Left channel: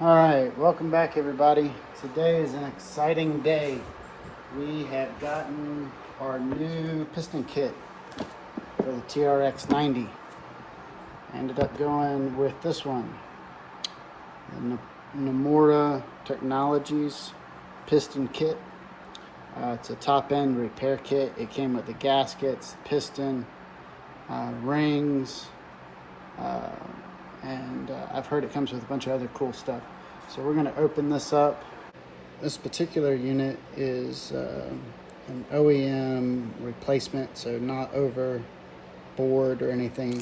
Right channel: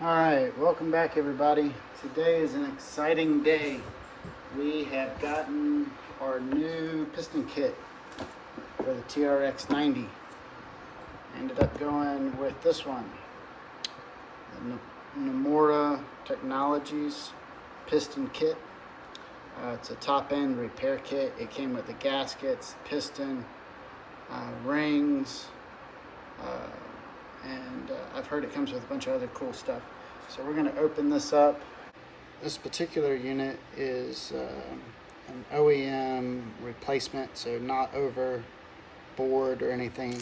Alright, welcome back everybody. Today is an exciting day. We have gotten our new piston kit for the TRX90. I ended up going with this one, the Namura Technologies piston kit. It's a top end repair kit. It came with the gaskets, piston, rings, and I've heard it comes with a bunch of other cool stuff. So we're going to open this up. This particular unit is an OEM replacement, so not overboard or anything.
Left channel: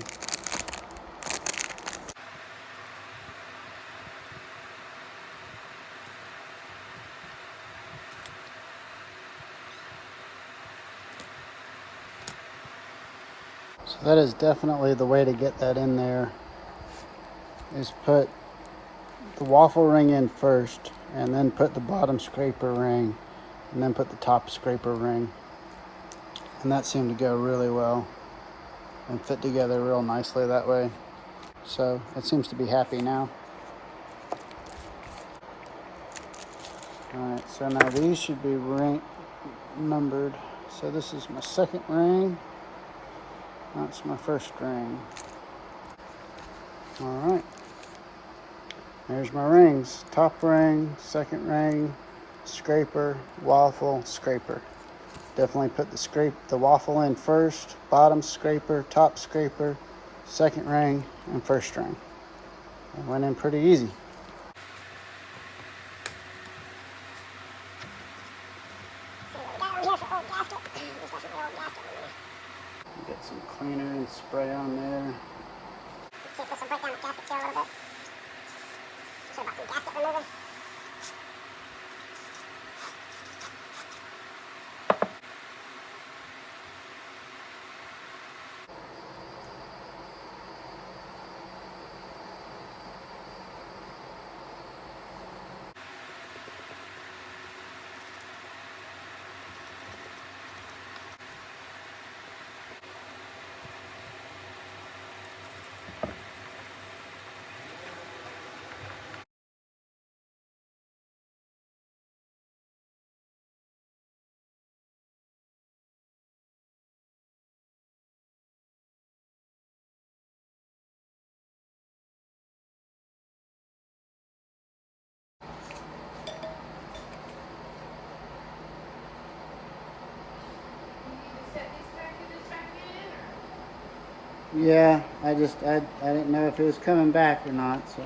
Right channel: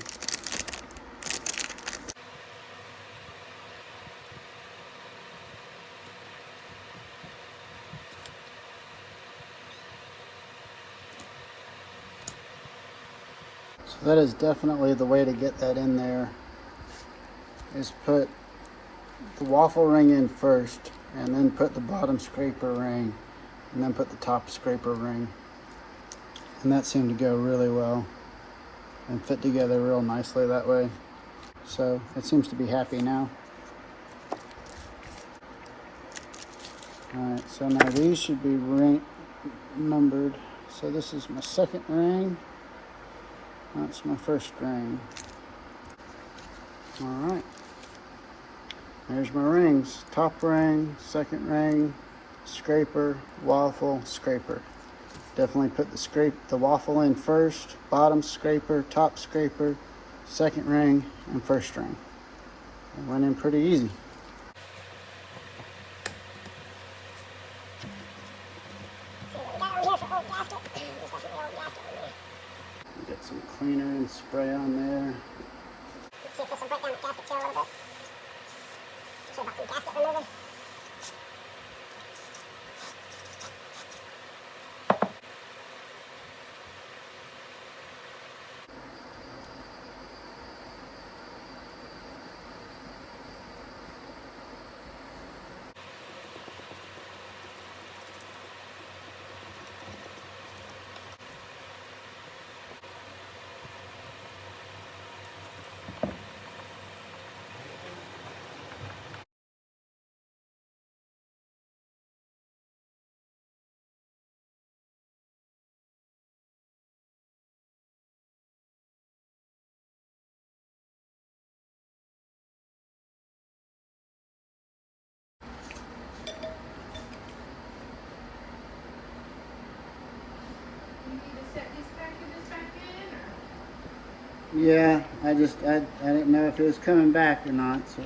So that is definitely the way to get that in there, is put the waffle ring in first, and then put the bottom scraper ring, and then put the top scraper ring. And that seemed to go really well and fit together real nicely that way. So it seems to be happy now. Alright, so now these should be ring numbered. So this is my second ring. That's my first ring. Alright. There's my rings. Top ring, second ring, scraper, waffle, scraper. Definitely put the waffle in first, bottom scraper, top scraper, second ring, and first ring. It went in pretty easy. Get some cleaner and spray on there. See if this will break down the gaskets here a little bit. Should have got some gasket remover. Yeah, I didn't know if it was coming back or not, so.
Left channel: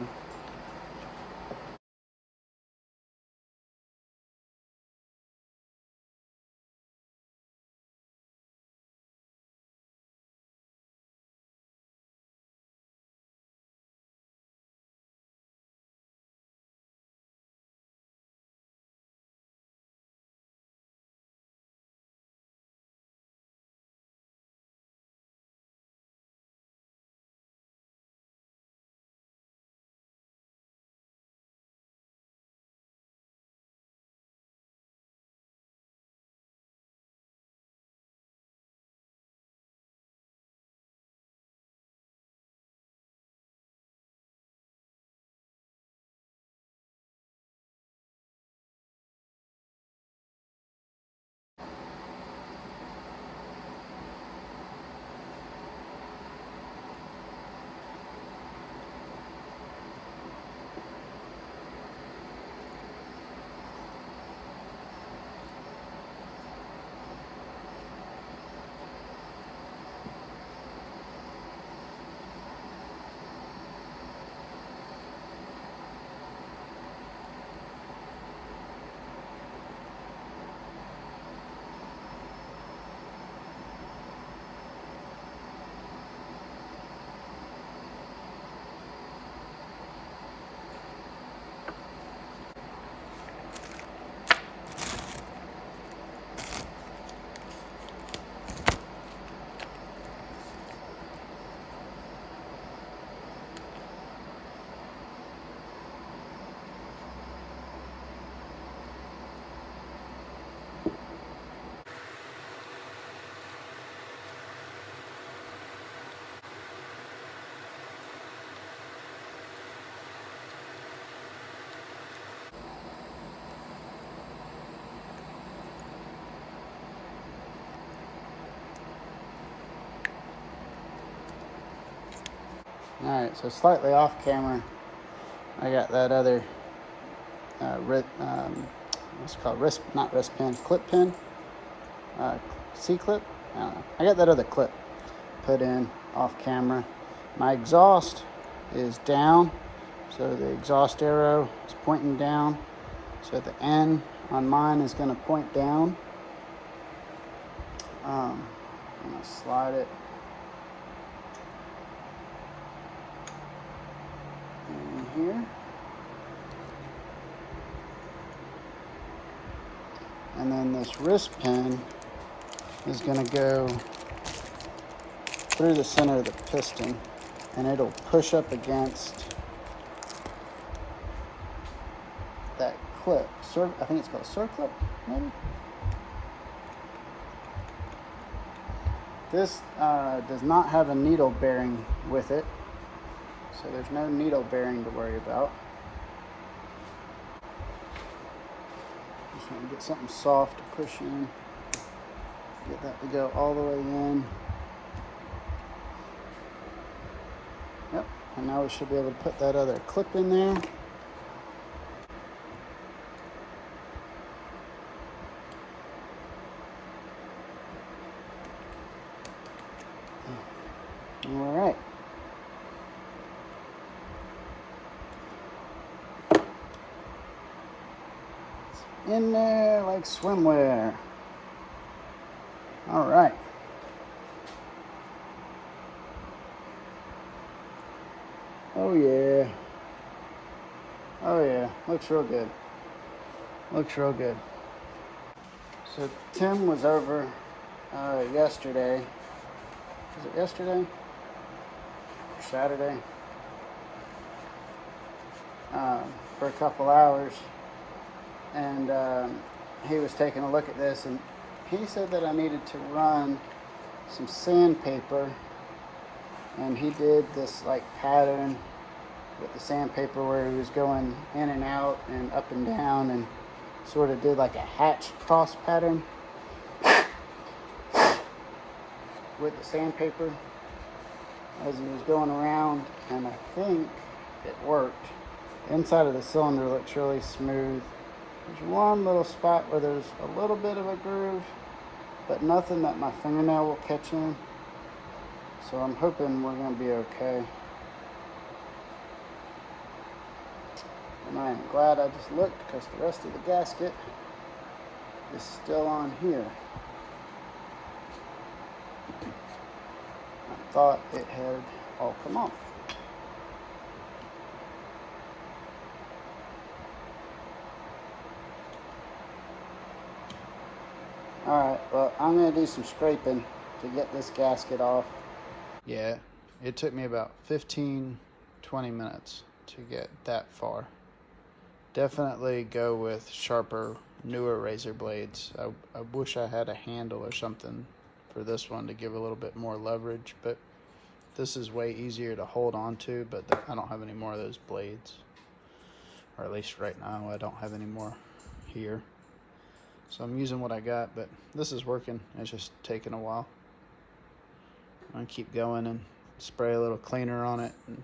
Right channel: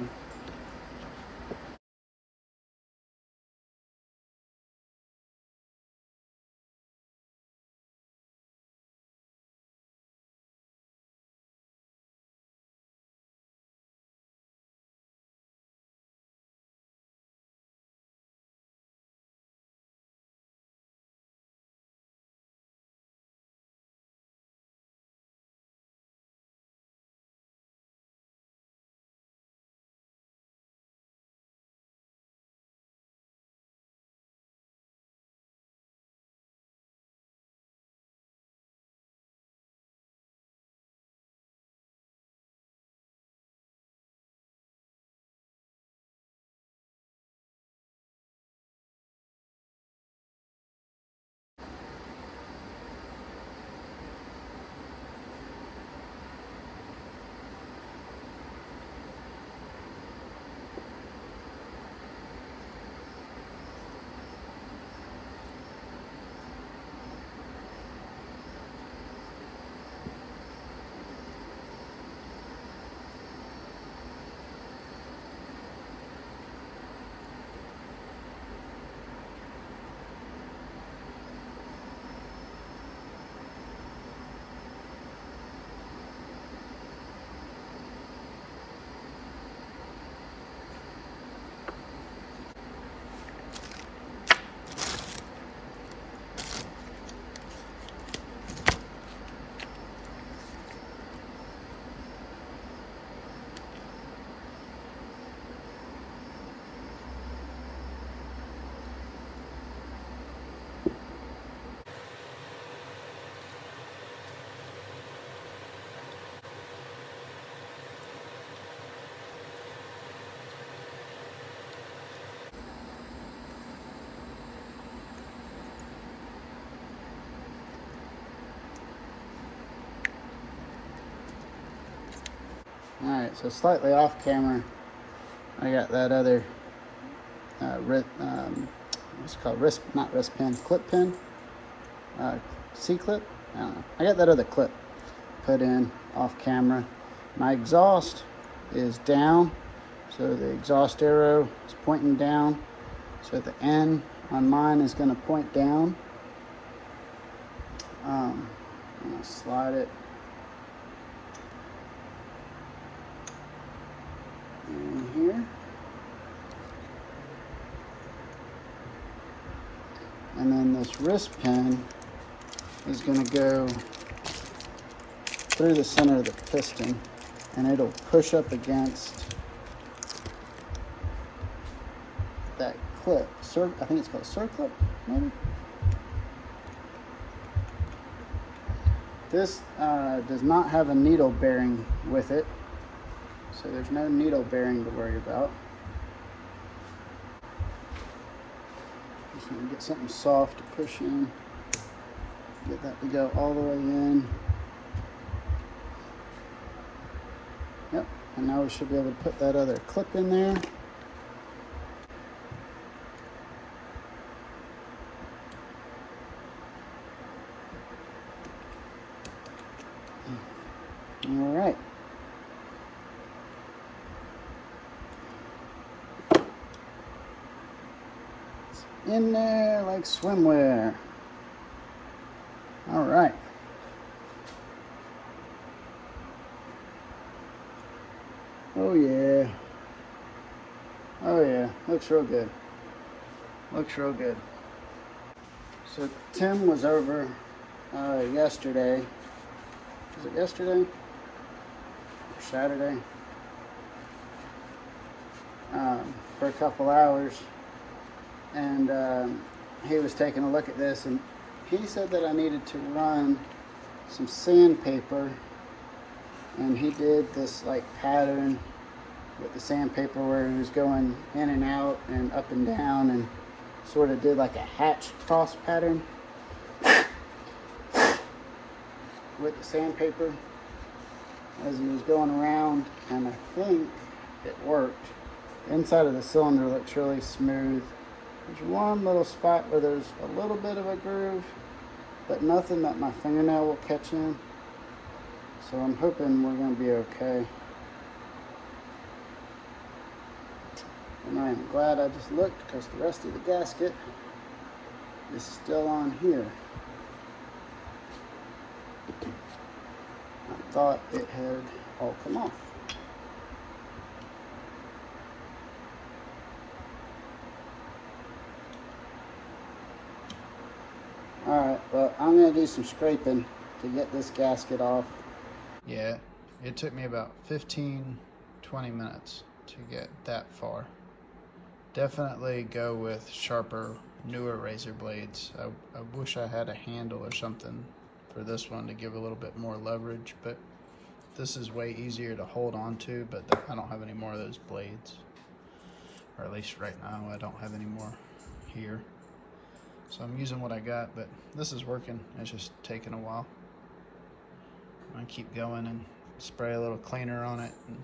Alright, so slightly off camera, I got that other what's it called? Not wrist pin, clip pin. C-clip? I don't know. I got that other clip put in off camera. My exhaust is down, so the exhaust arrow is pointing down. So the N on mine is going to point down. I'm going to slide it in here. And then this wrist pin is going to go through the center of the piston, and it'll push up against that clip. I think it's called circlip, maybe? This does not have a needle bearing with it, so there's no needle bearing to worry about. Just want to get something soft to push in. Get that to go all the way in. Yep, and now we should be able to put that other clip in there. All right. It's in there like swimwear. All right. Oh yeah. Oh yeah. Looks real good. Looks real good. So Tim was over yesterday. Was it yesterday? Or Saturday? For a couple hours. And he was taking a look at this, and he said that I needed to run some sandpaper, and he did this like pattern with the sandpaper where he was going in and out and up and down, and sort of did like a hatch cross pattern with the sandpaper as he was going around, and I think it worked. The inside of the cylinder looks really smooth. There's one little spot where there's a little bit of a groove, but nothing that my fingernail will catch in. So I'm hoping we're going to be okay. And I am glad I just looked, because the rest of the gasket is still on here. I thought it had all come off. Alright, well, I'm going to do some scraping to get this gasket off. Yeah, it took me about 15-20 minutes to get that far. Definitely go with sharper, newer razor blades. I wish I had a handle or something for this one to give a little bit more leverage, but this is way easier to hold on to, but I don't have any more of those blades. Or at least right now, I don't have any more here. So I'm using what I got, but this is working. It's just taking a while. I'm gonna keep going and spray a little cleaner on it and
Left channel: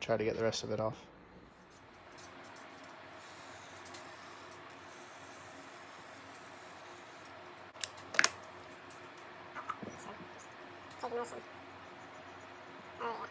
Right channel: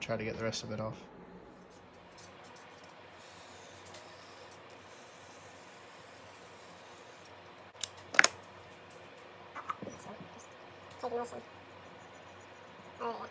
try to get the rest of it off. Take motion. Oh yeah.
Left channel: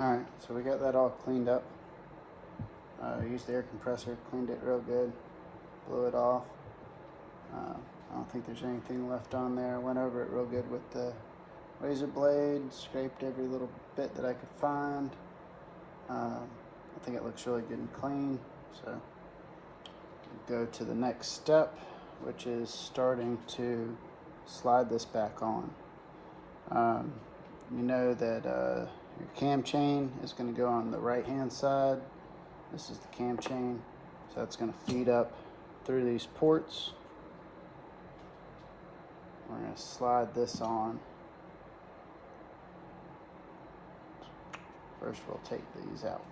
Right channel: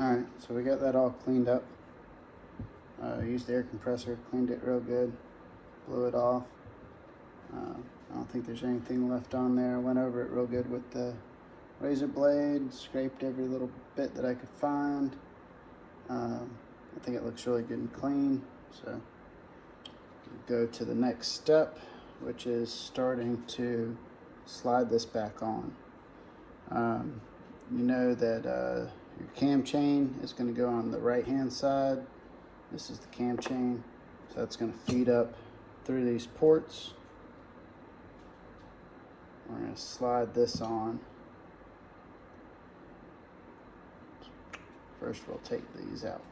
Alright, so we got that all cleaned up. Used the air compressor, cleaned it real good, blew it off. I don't think there's anything left on there. Went over it real good with the razor blade, scraped every little bit that I could find. I think it looks really good and clean. So go to the next step, which is starting to slide this back on. You know that your cam chain is going to go on the right hand side. This is the cam chain, so that's going to feed up through these ports. We're going to slide this on. First we'll take these out.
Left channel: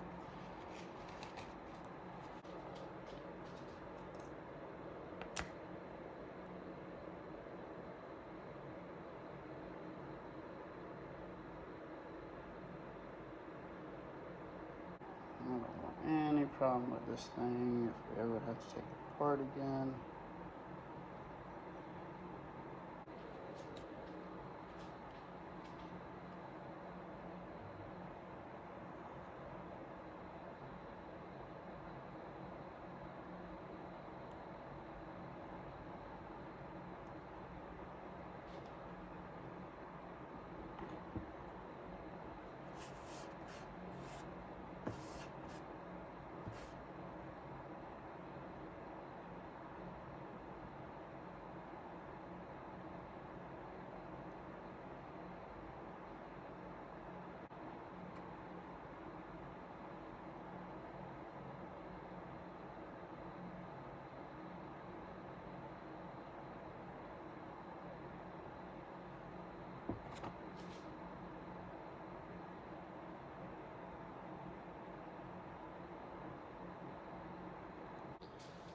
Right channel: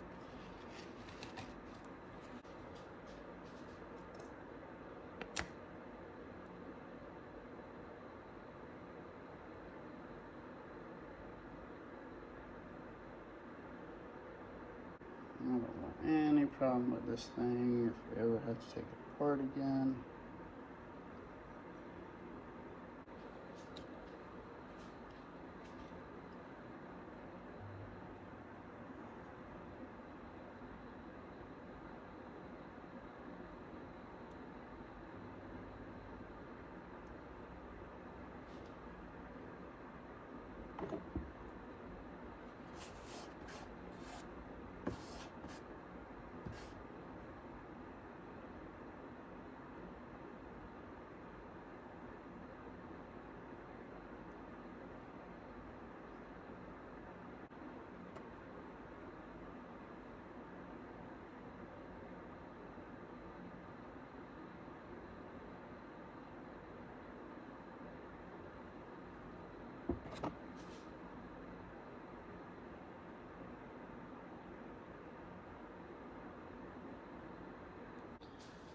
I don't want any problem with this thing if we ever have to take it apart again.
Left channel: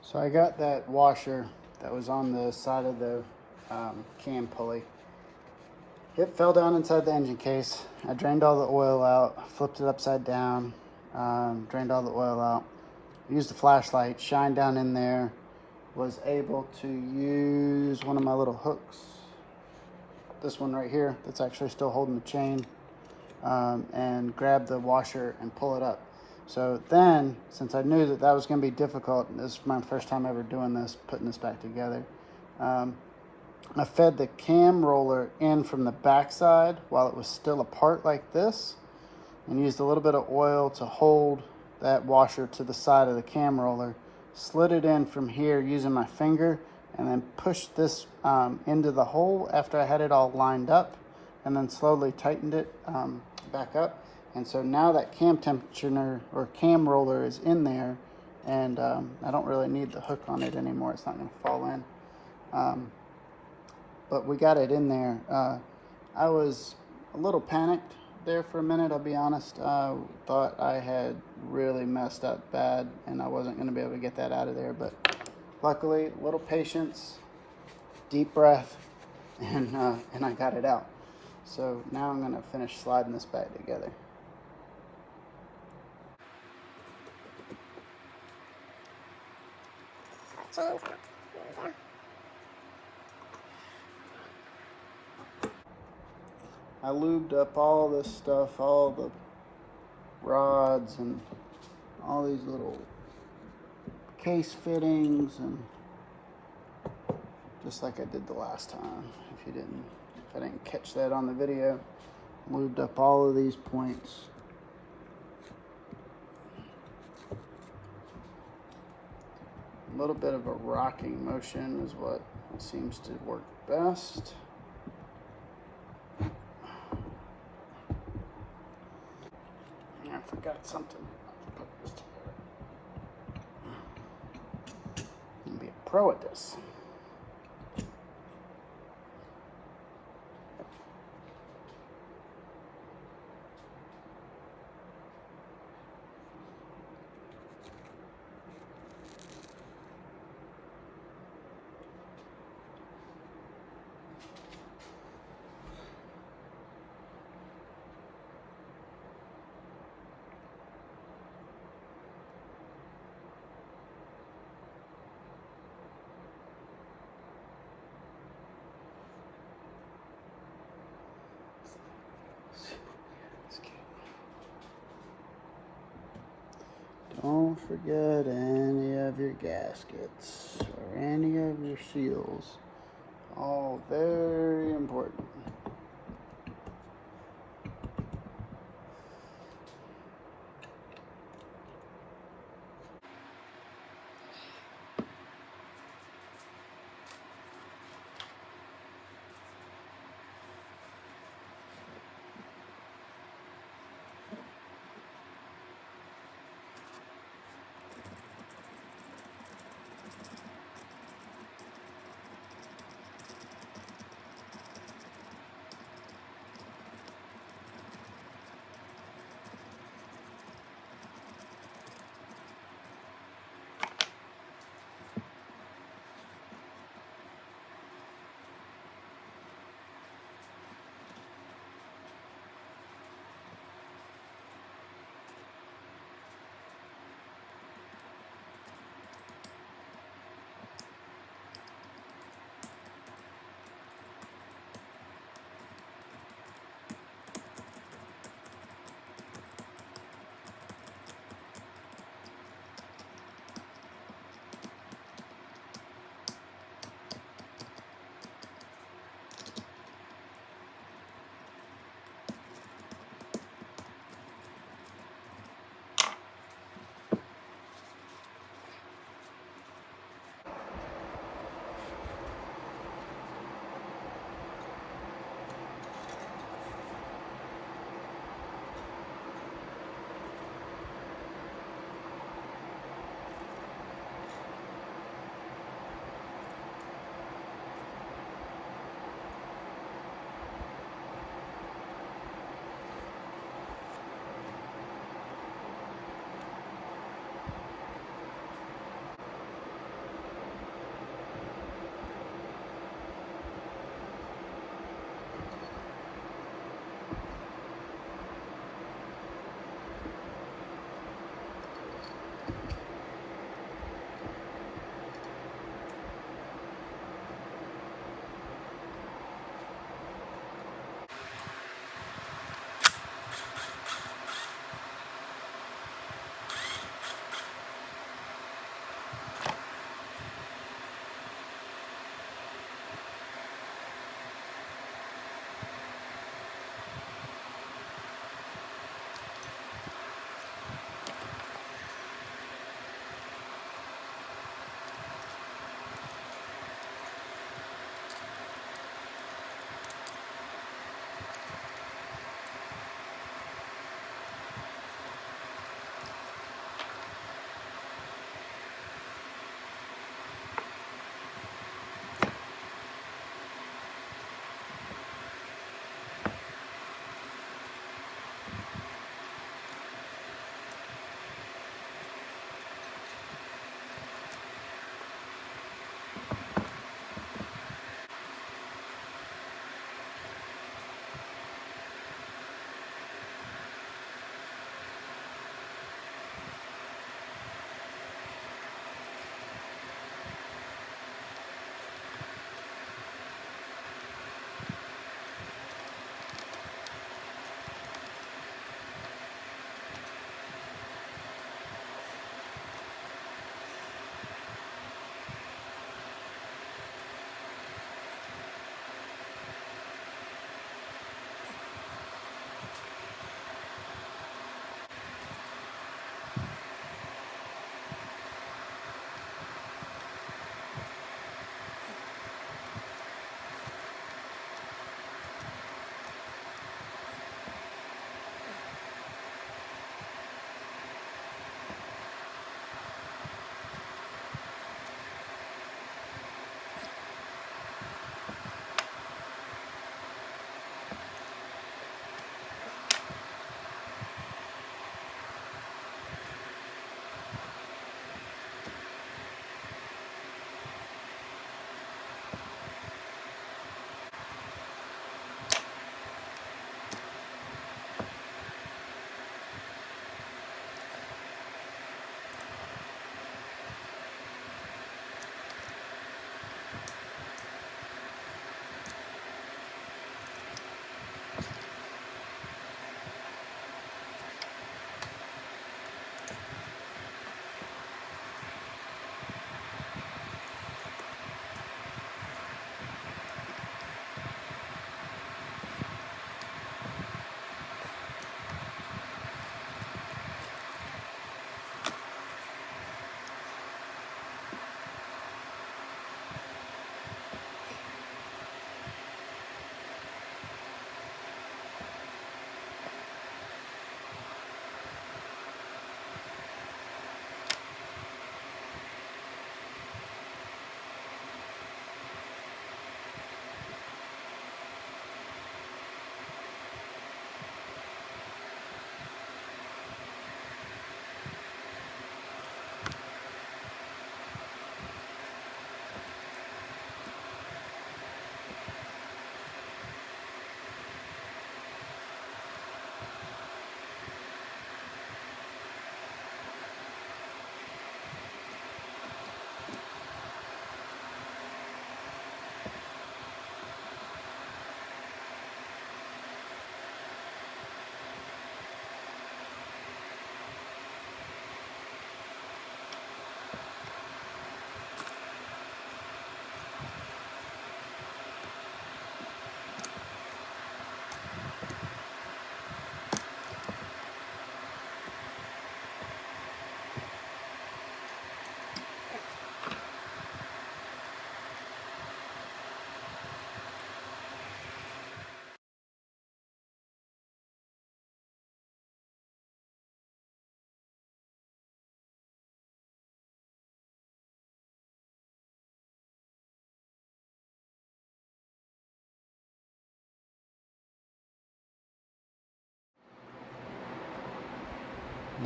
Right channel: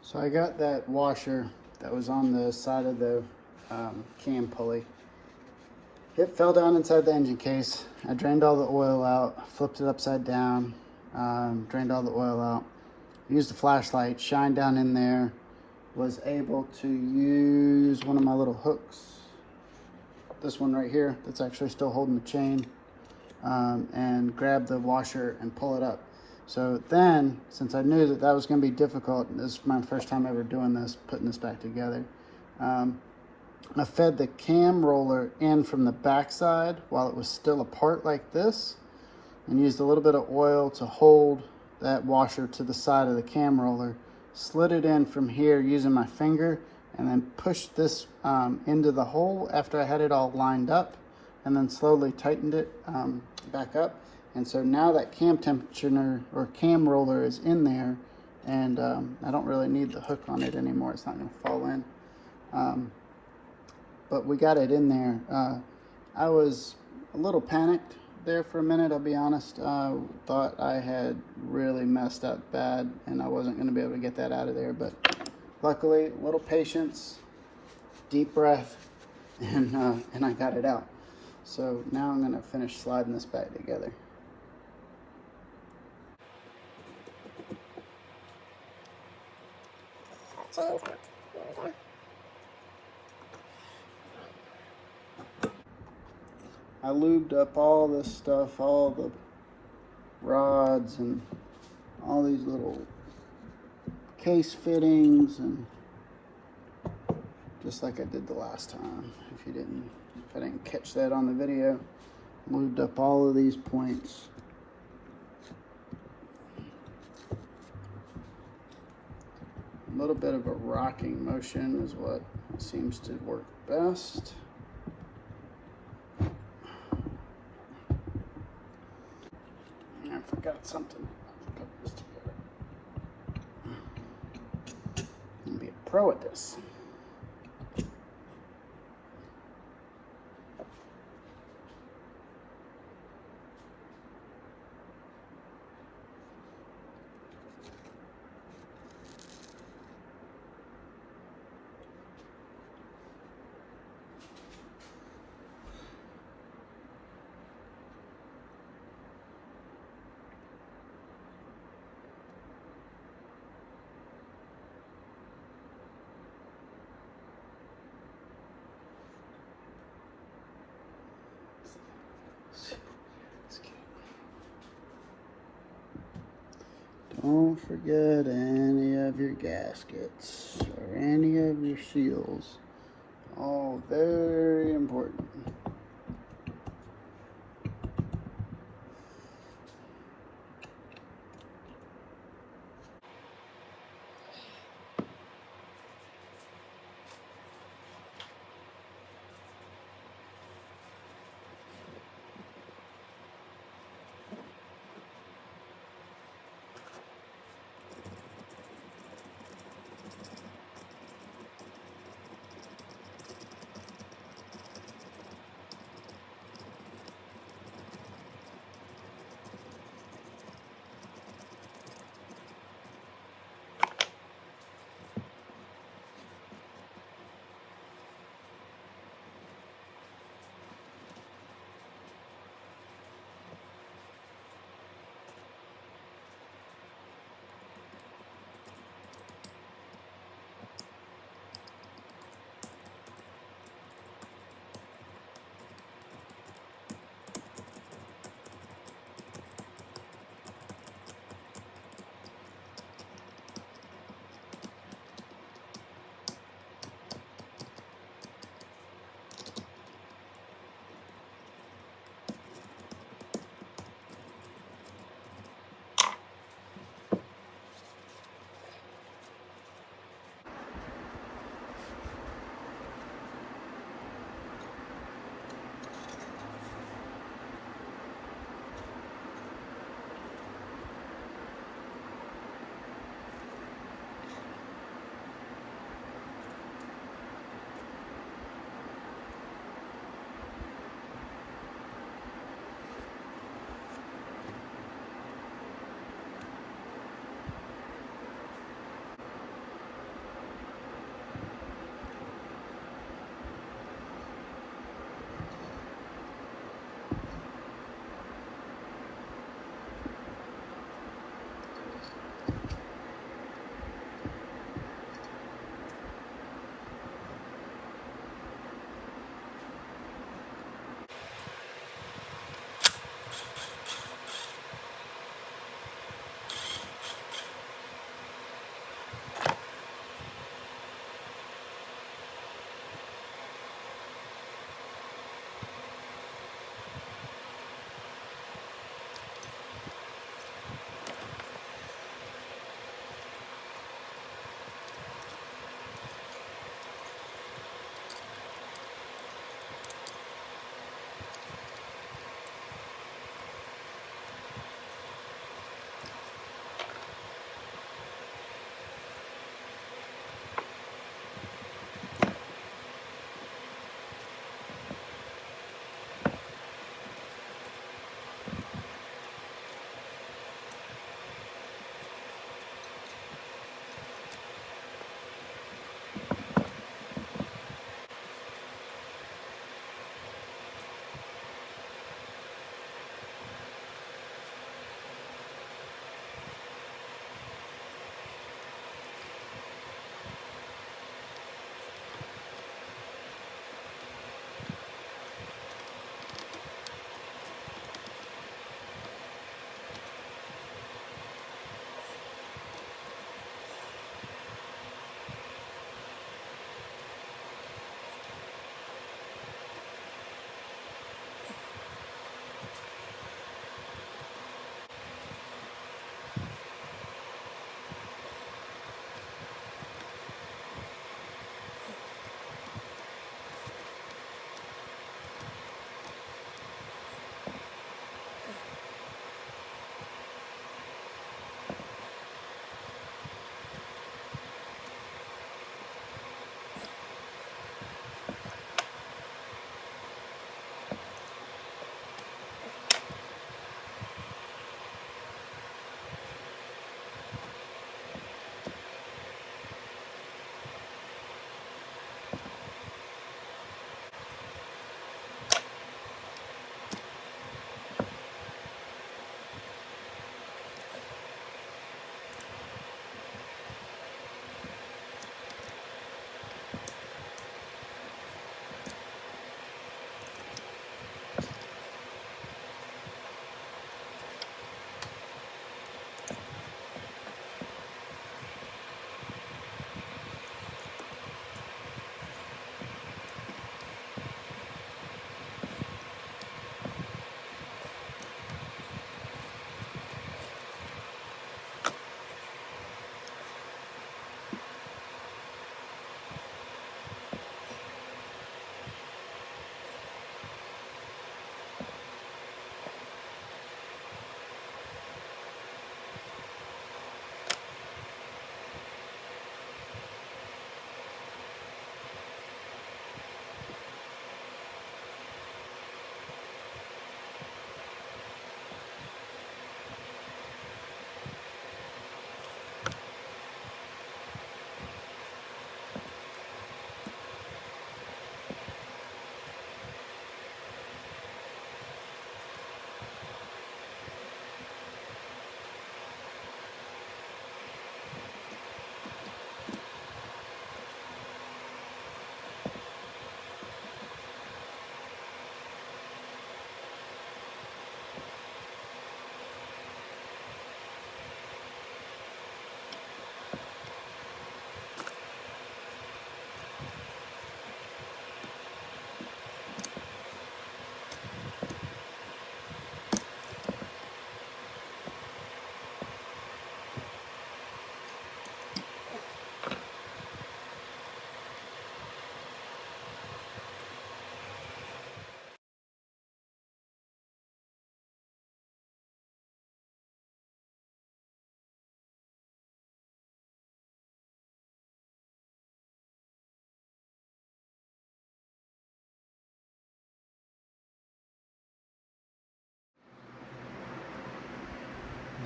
So I got that washer that was on the side of the cam pulley. It fell down inside the engine case. I drained all the oil out, flipped it upside down, drained all the oil out. Used a flashlight, shined down in there, was able to use one of my little hooks, this one right here that's actually still holding the chain, and grab the washer and pull it up. So then, since I knew that that was going to be difficult, this is my first time ever doing this, putting this back together, I fed the cam roller in from the backside while it was still apart like this, and used a little bit of oil to hold that washer to the side of the cam roller, slid it in from here using my finger, and then pushed this into the hole after I had it all lined up, and then slowly tightened it back up. And so now that cam tensioner or cam roller is in there, and I don't really need the hook on it anymore. It's not going to fall in. But we got it in there. I was a little panicked there for a minute, I'll be honest. Thought I had really messed up bad and I wasn't going to be able to get that out of there. But luckily, a little patience, deep breath, and I got it out. So now I'm going to finish sliding this back together. Chains on it. There we go. I lubed up all this stuff, all the rods and all these little case fittings, and just like I did the last time. If I didn't catch that on the video, lubed up all of these points. A little bit of a rocking motion is what seems to work best. I forgot something. Put this together. I'll be a pro at this. Don't forget any of your gaskets or any of your seals. All very important.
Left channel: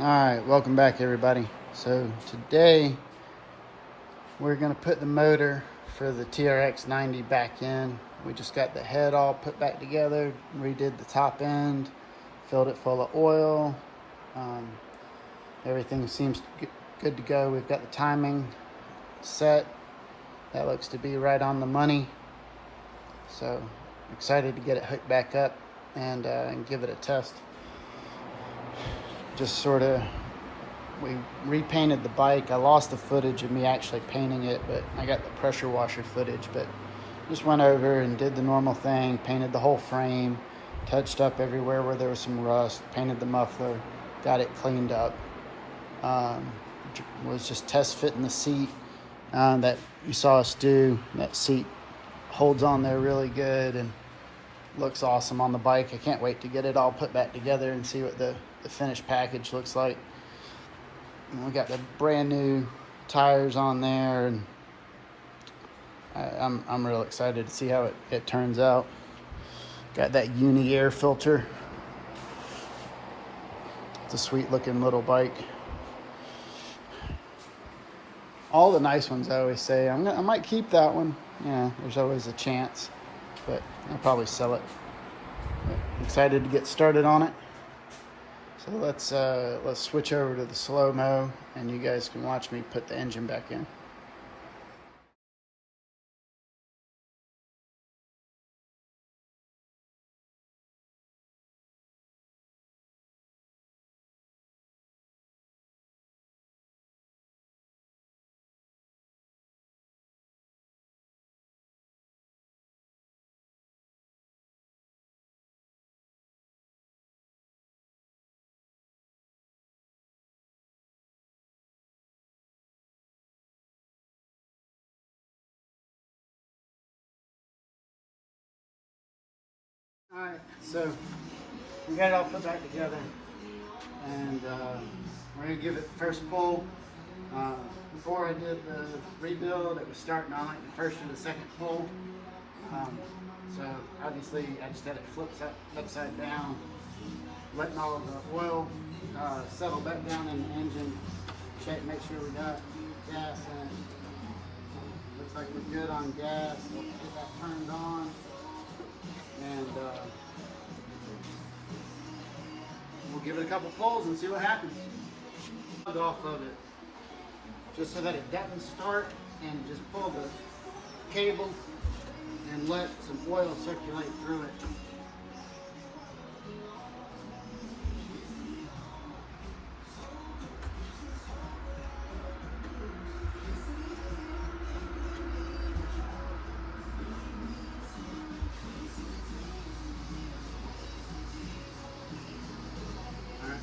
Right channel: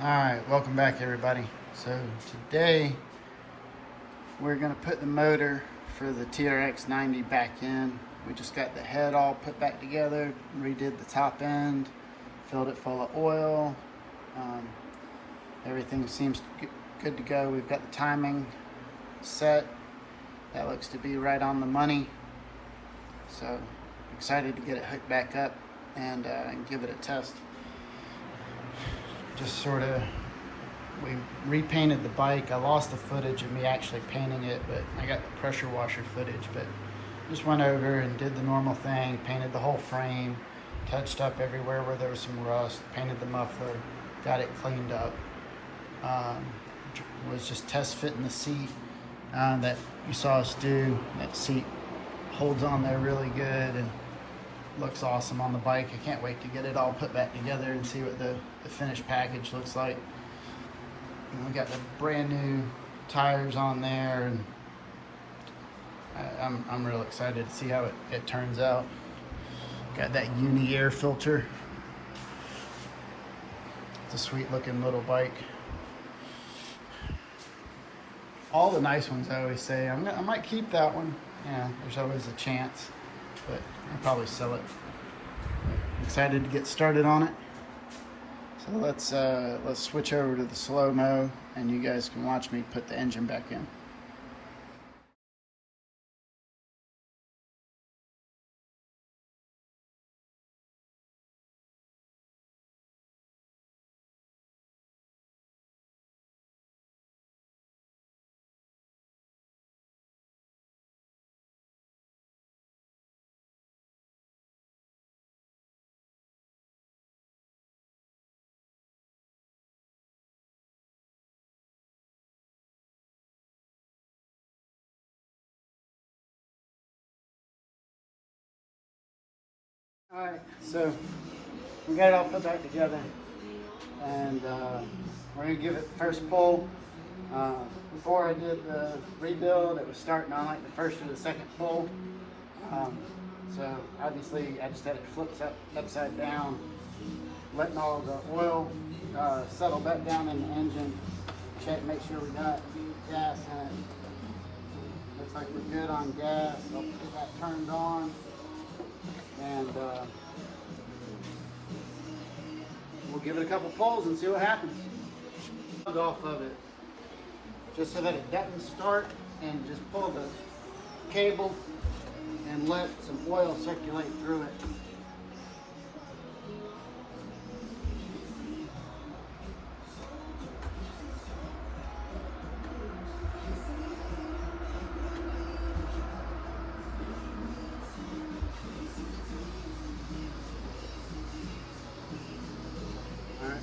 Alright, welcome back everybody. So today we're going to put the motor for the TRX90 back in. We just got the head all put back together, redid the top end, filled it full of oil. Everything seems good to go. We've got the timing set. That looks to be right on the money. So excited to get it hooked back up and give it a test. Just sort of, we repainted the bike. I lost the footage of me actually painting it, but I got the pressure washer footage. But just went over and did the normal thing, painted the whole frame, touched up everywhere where there was some rust, painted the muffler, got it cleaned up. Was just test fitting the seat that you saw us do. That seat holds on there really good and looks awesome on the bike. I can't wait to get it all put back together and see what the finished package looks like. We got the brand new tires on there, and I'm real excited to see how it turns out. Got that uni air filter. It's a sweet looking little bike. All the nice ones, I always say. I might keep that one. You know, there's always a chance, but I'll probably sell it. But excited to get started on it. So let's switch over to the slow-mo, and you guys can watch me put the engine back in. Alright, so we got it all put back together, and we're going to give it the first pull. Before I did the rebuild, it was starting on like the first or the second pull. So obviously I just had it flipped upside down, letting all of the oil settle back down in the engine. Check, make sure we got gas in it. Looks like we're good on gas. I'll get that turned on. And we'll give it a couple pulls and see what happens. Off of it, just so that it doesn't start, and just pull the cable and let some oil circulate through it.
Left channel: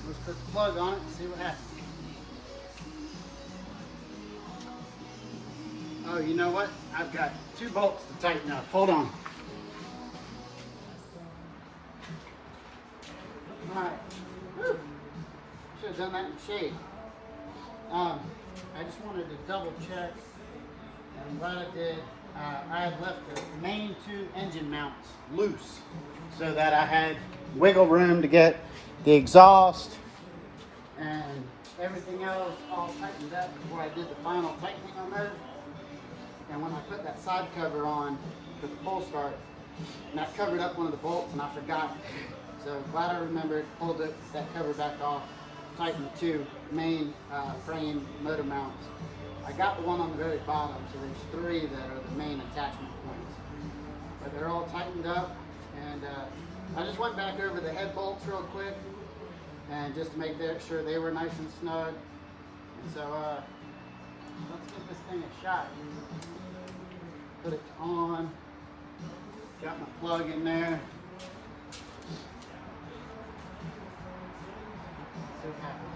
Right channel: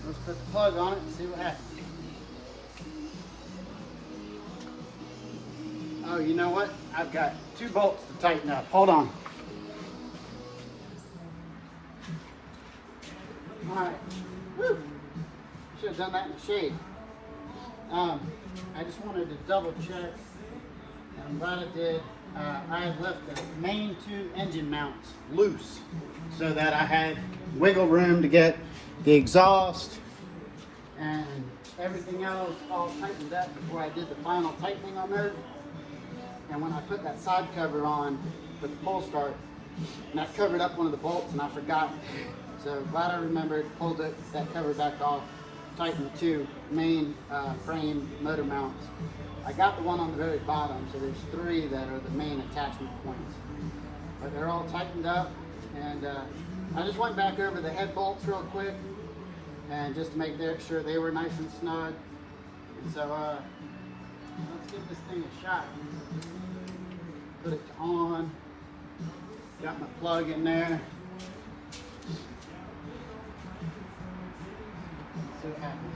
Let's put the plug on it and see what happens. Oh, you know what? I've got 2 bolts to tighten up. Hold on. Alright. Woo! Should have done that in the shade. I just wanted to double check. I'm glad I did. I had left the main 2 engine mounts loose so that I had wiggle room to get the exhaust and everything else all tightened up before I did the final tightening on there. And when I put that side cover on for the pull start, and I covered up one of the bolts and I forgot. So glad I remembered, pulled that cover back off, tightened the 2 main frame motor mounts. I got the one on the very bottom, so there's 3 that are the main attachment points. But they're all tightened up, and I just went back over the head bolts real quick, and just to make sure they were nice and snug. And so let's give this thing a shot. Put it on. Got my plug in there. Let's see what happens.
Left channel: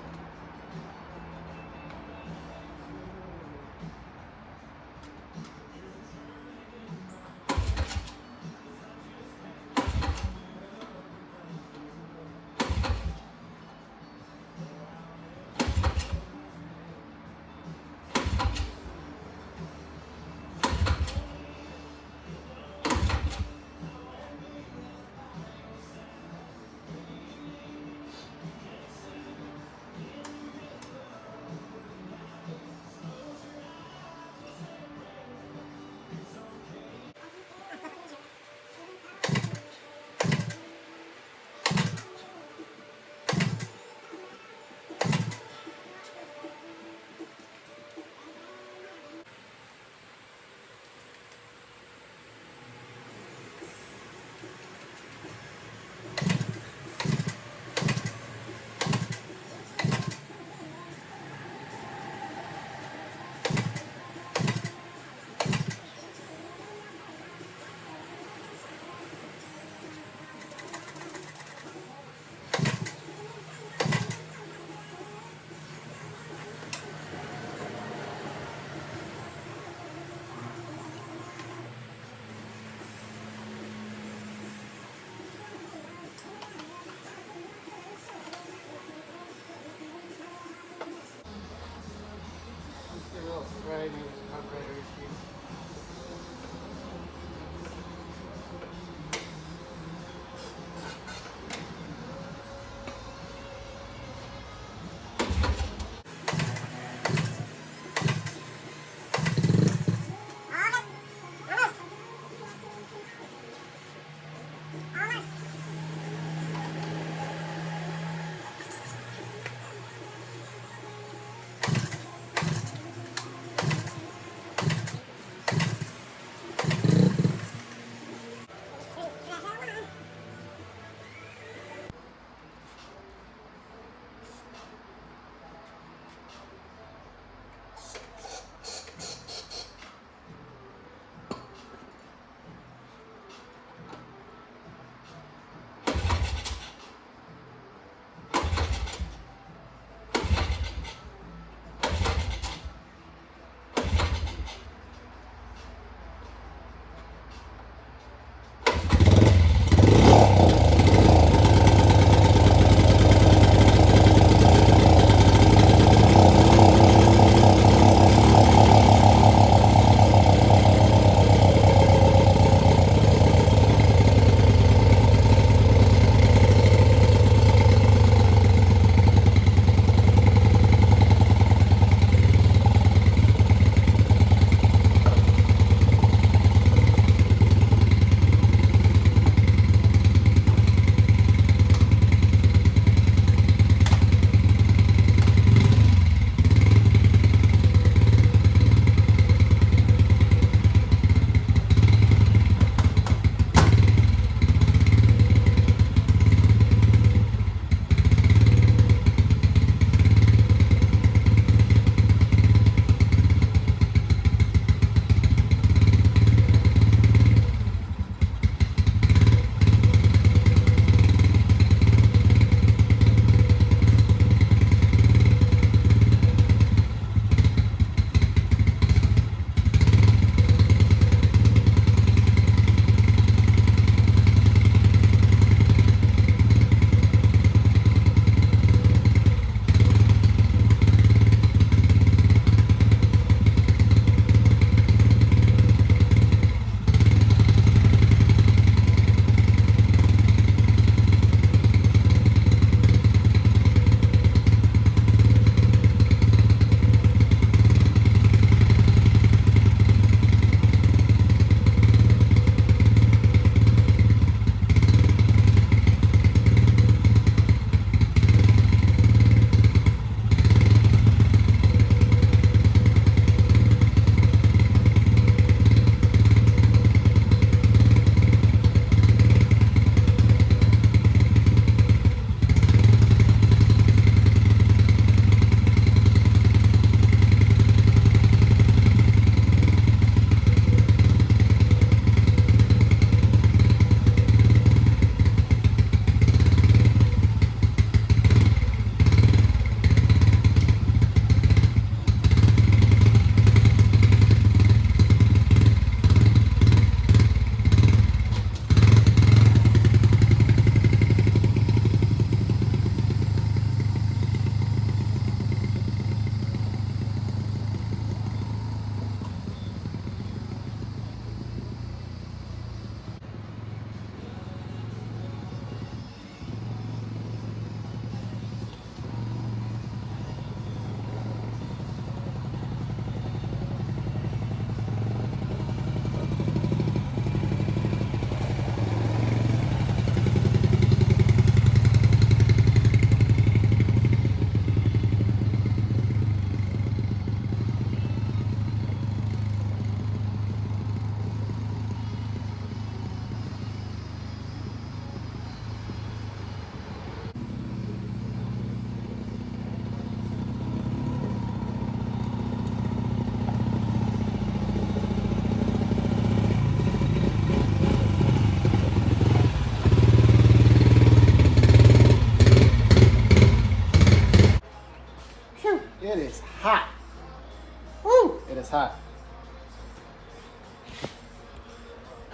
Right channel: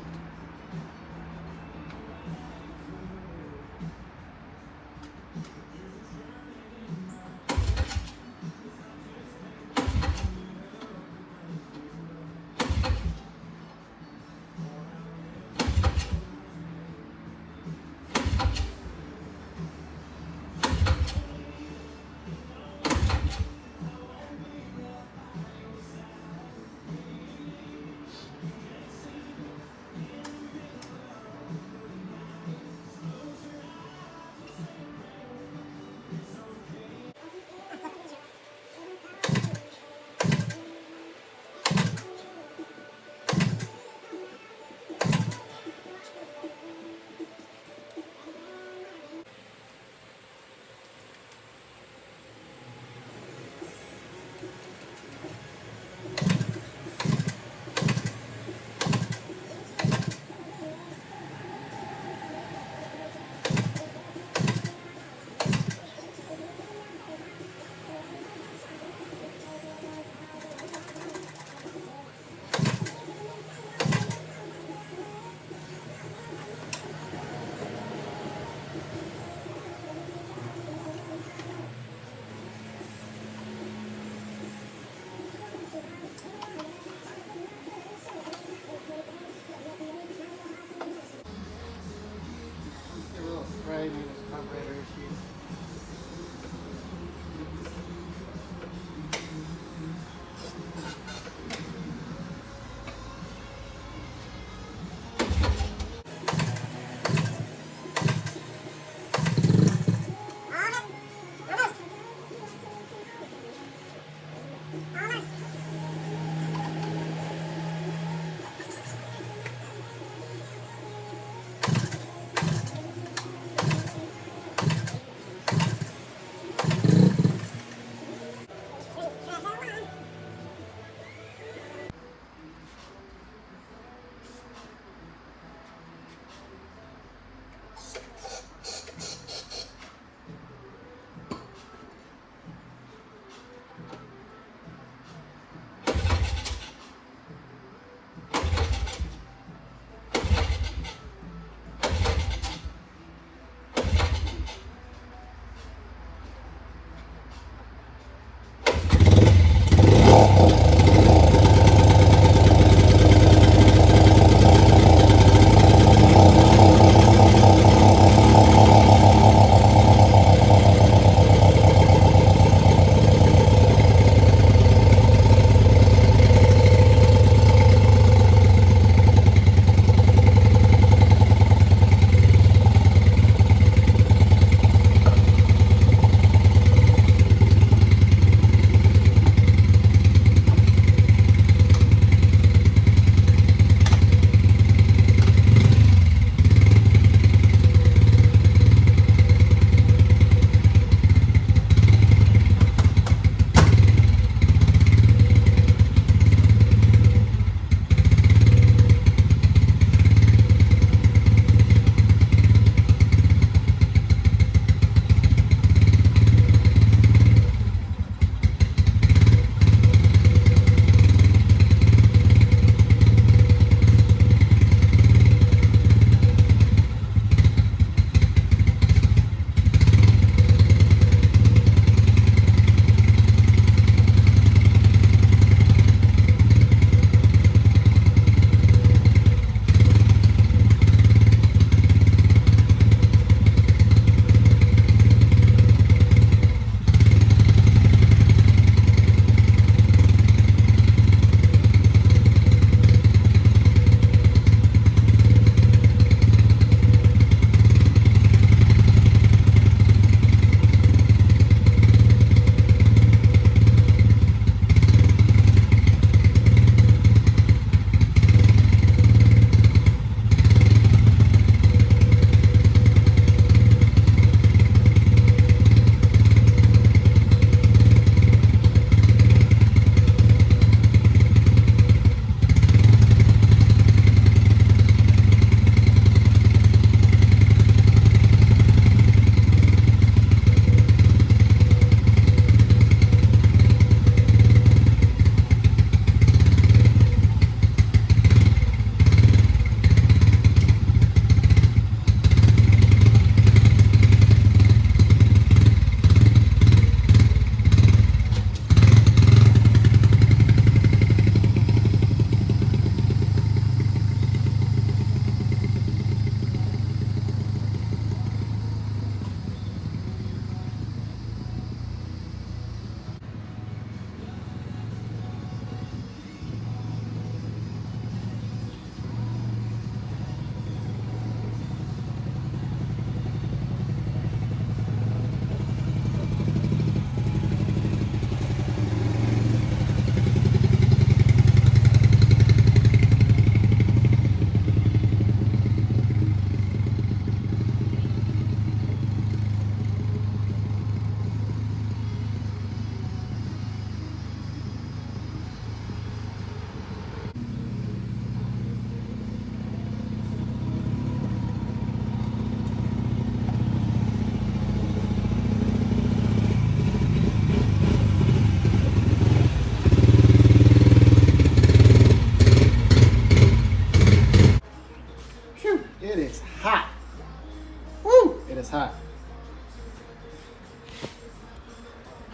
it's hot.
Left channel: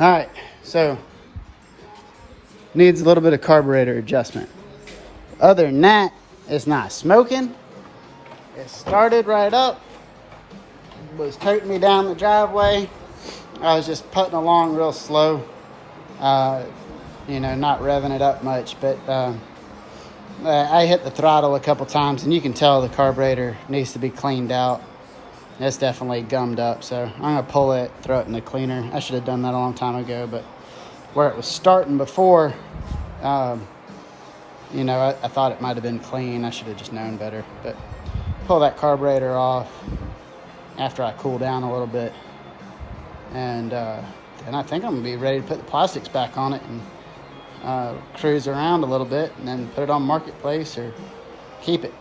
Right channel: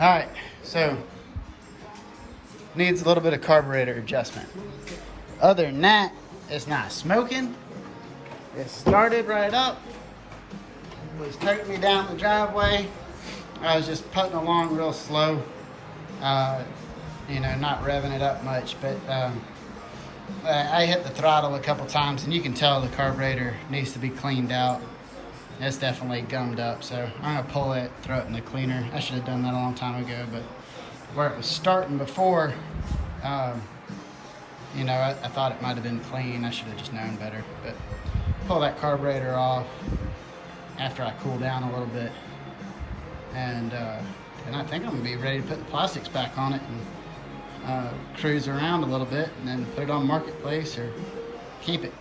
Alright, so needs a little bit of carburetor adjustment. Other than that, it's not smoking. It started right up. Was toting me down the driveway. I was just putting along real slow. You know, not revving it up much, but I hit the throttle a couple times, and you can tell the carburetor needs to be cleaned out. It's definitely gummed up, so I'm gonna pull it, throw it in the cleaner. I should have done that a long time ago, but where it was starting before, you know, I thought it might have been clean. I should have just known better. But pull that carburetor off after I cool down a little bit, and I think I'm gonna be ready to put the plastics back on it and cruise around a little bit, and then put it on Marketplace or keep it.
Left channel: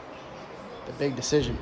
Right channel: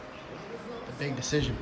The big decision.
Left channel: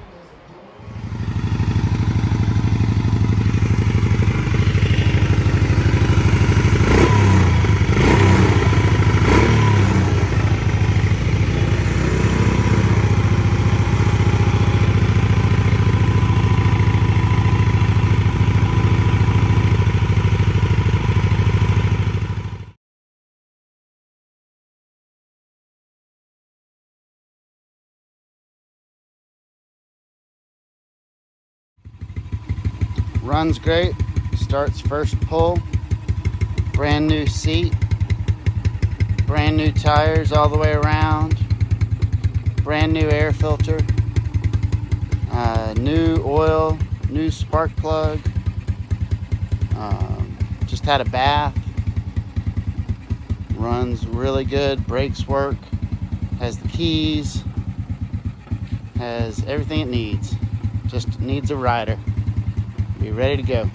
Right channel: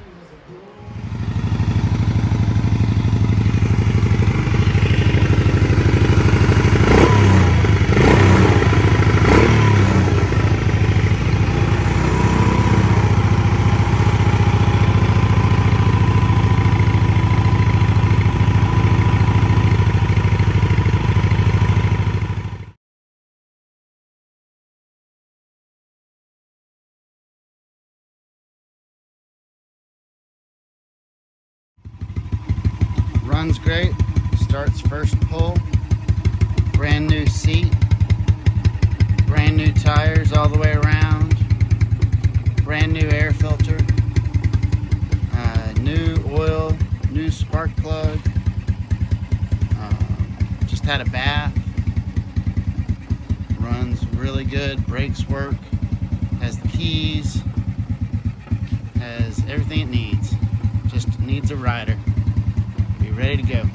Runs great, starts first pull, brand new seat, brand new tires all the way around, brand new air filter, new oil, new spark plug, just had a bath, runs really good, brakes work, has the keys, has everything it needs, just needs a rider. Be ready to go.